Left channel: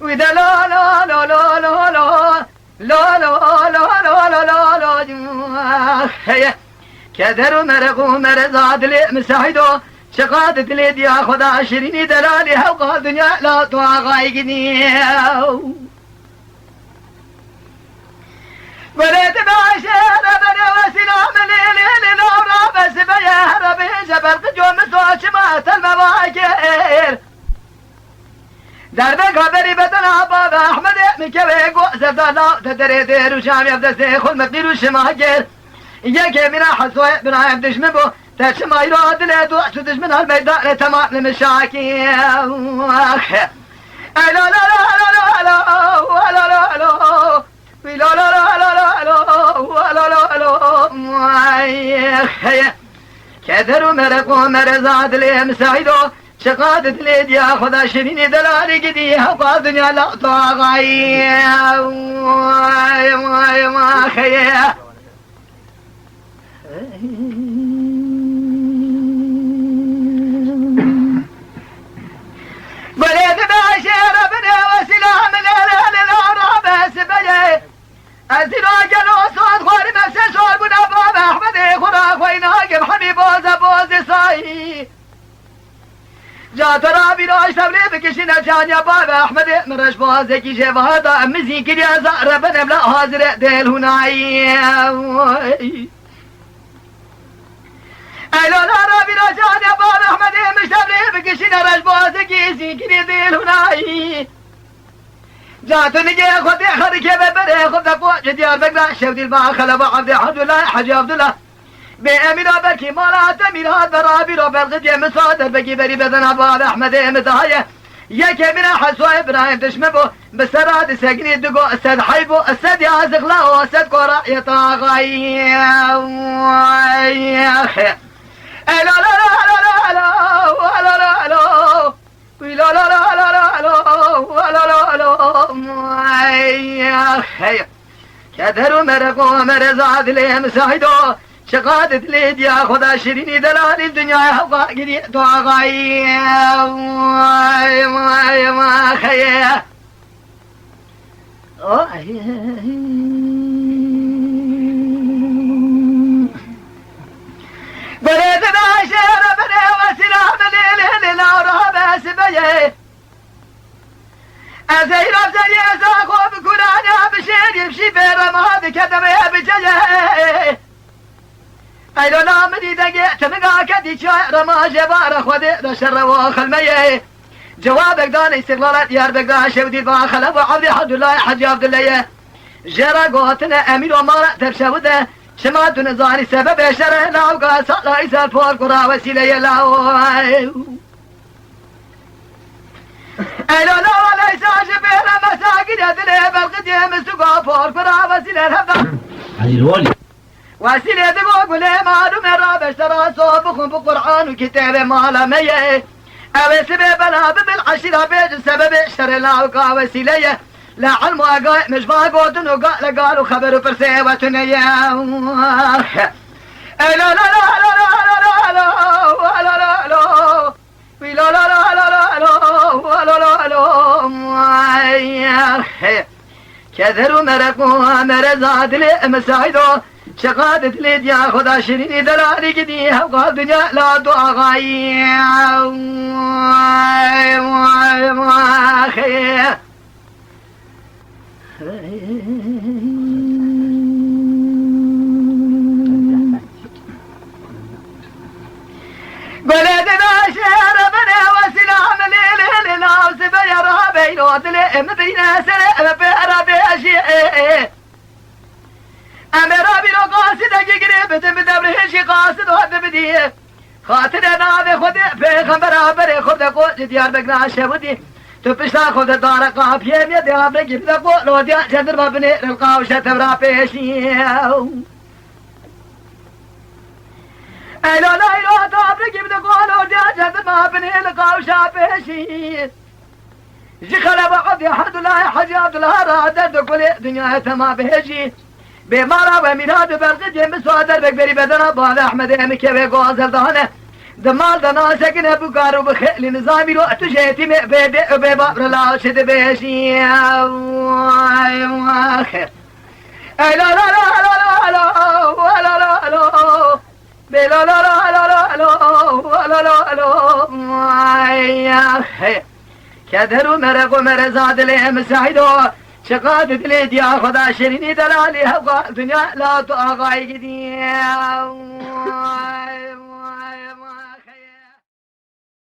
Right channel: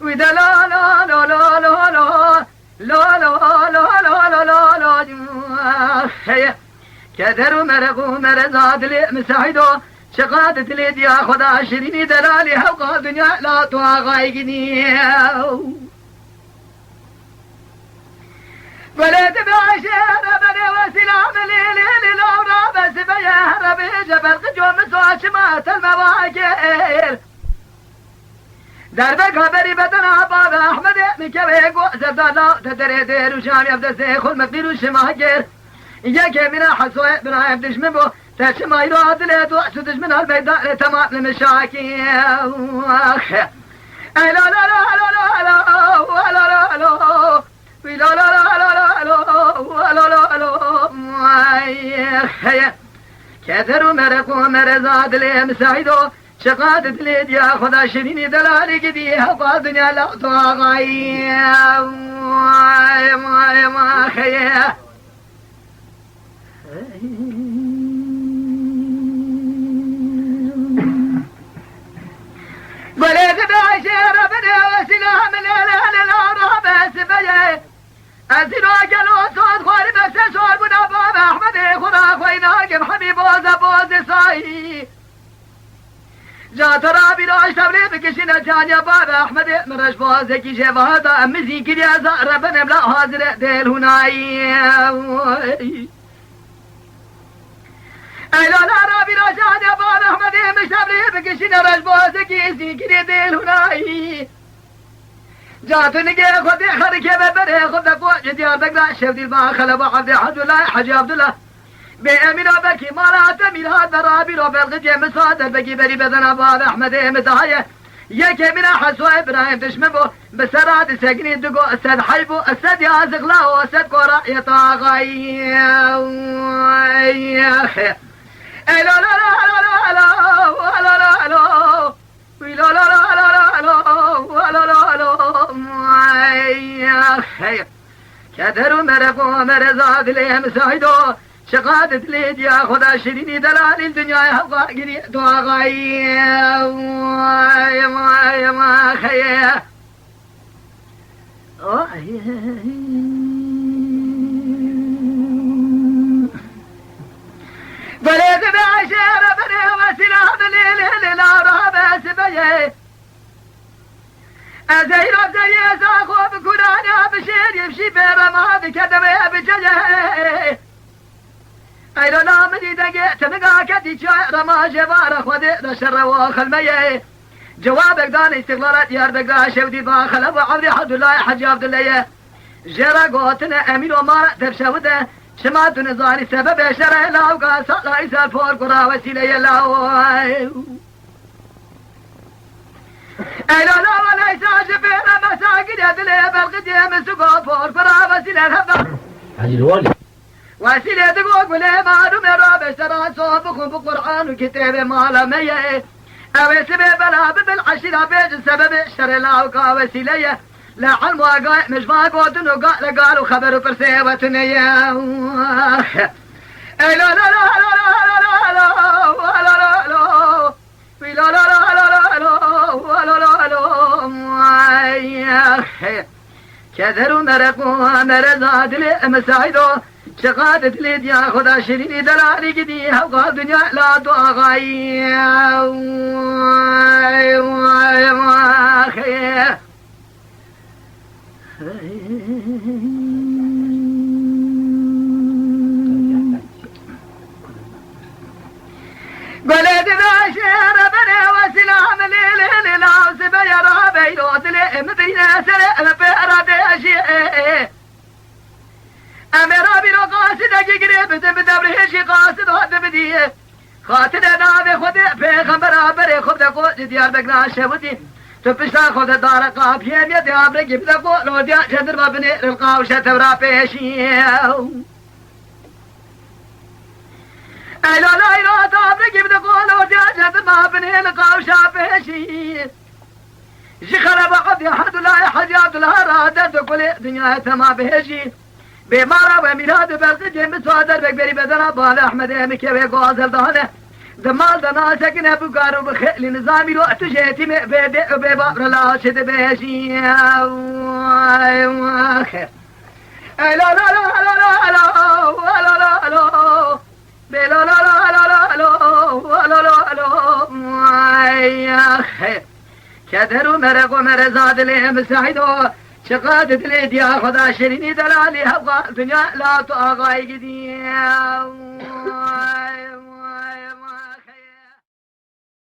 وإذا لا لا لا لا لا لا لا لا لا لا لا لا كدر ومرق ومرزاد لي مساعدو شقادت لي يا خدا شريني دلالي حقا دنيا لا تواغايقني ولد بعشير بني وسلام ليلي لورا بس بيهرب جبرت جوم سواشمات المواكير درب خبری بدن بابا احمد میکوه گوزد دالا تدری دیر و شامی افدسته خود مقدیر و شماگر یکی بنا حسوه بنا افدش من بو تشمای رو عدله دو شدش من البیداء تمام لمشاکی لا لا لا لا لا لا لا لا لا لا لا لا كثر مرق ومرزاد لي مساعدو شقادت لي يا خدا شريني دلالي قدي حقا دنيا لا طاغاي ما خيه ولد بعشير بني وسلام لا بس بيه أزيلو جلو صوت خوري مسي شور بنا بابا أحمد خورا خوينا قم حبيب بوز صاي جا ترى بيروش تبلي بكشنا جان يا بابا أحمد مرش بوزكي شبهاتا أمزي كريا زهر بنم لا حاضر ديل هناي أيلو لا رابي رجان يا بابا أحمد مش تبلي بكشنا رش بوزكي زي كريا ديل هناي جات نجي خدي خدك يا ببره خدك واجد يا بقرا شفت الما خلب عبد عبد الله حجي عبد الله بأمير بكي مرات أمير هذا رابي ربل يا مصادر بكي بري بدن أبو أحمد مزايا يا كبير حسوا إبراهيم تشمبو بسراد سجني دقو أستاذ حيبو أستاذ يا زغلا أستاذ كورا يطاغي يا أخي لا لا لا لا لا لا لا لا لا لا لا لا كدر ومرق ومرزاد لي مساعدو شقادت لي يا خدا شريني دلالي الدنيا حقا قري طاغاي ما خيه بلد بعشير بني وسلام ليلي لا رهب سبيه أزيل أبزي زاقو بكراني بشير يمشي برما بكدمي بجيه أيضا لا مني دقيت تنقا كدي شاعر ما جبار خودي نشر واخل ميه جوابك داني استغلالات يار بقا شودي باخل أبو عبد حد الله حجي عبد الله جرى قوتنا أمير ومارا تبشوده شمات نزاري سبب شرع لاوقا صلى إسال فور قرى وسيلة لاو أيضا لا ولا يساج بينا مساكن يدلي بالقديم سقا فور قرى وسيلة الهبا علي الوالي وسيلة دقوق لي مالو من رابش ترى صوبكم بقرآن وكتاب مالا ميه أو سبب لا بالعشرة بيج سبب اشتري لاوقا وسيلة لا علم واقع مش ما قوتن وقال قالوا خبروا فرسيوتن يا لا لا لا لا لا لا لا لا لا لا لا لا لا كثر ومرق ومرزاد لي مساعدو شقادت لي يا خدا شريني دلالي قدي حقا دنيا لا تواغاي ما خيه بلد باشر بني وسلام ليلي لاوس بيرها بيروت لي مدينة سلام بيرا بيشي أميرا بيرو قاصد قريب تبدبره شي قاصد وهد بديه خاطر نابي خد بيغمبرا بري خد قوت ديار بقنا شبودي تبشتا خد دار قافية ميدي عبرقي بدا قولو ديار جندر ما بني للقاوشة تبرا بيشي لا لا لا تابرقي بدا قولو ديار جندر ما بني للقاوشة بيشي جي خلب عبد حد الله حجي عبد الله رادر دقولي دنيا تما بيشي بمارا وميناد بالقديم مسوادر بكبري بدنا بال أحمد مكوي قوازل دهنه زمال دنا سكن بكارو بخيل نظامي رو تجيتي بباب لا شد بيشي خير لا لا لا لا لا لا لا لا لا لا لا لا لا لا لا يا خير كدرو مرق ومرزاد له مساعدو شقات دليد يا خدا شريني دلالي هوا دنيا لا تغاي قديم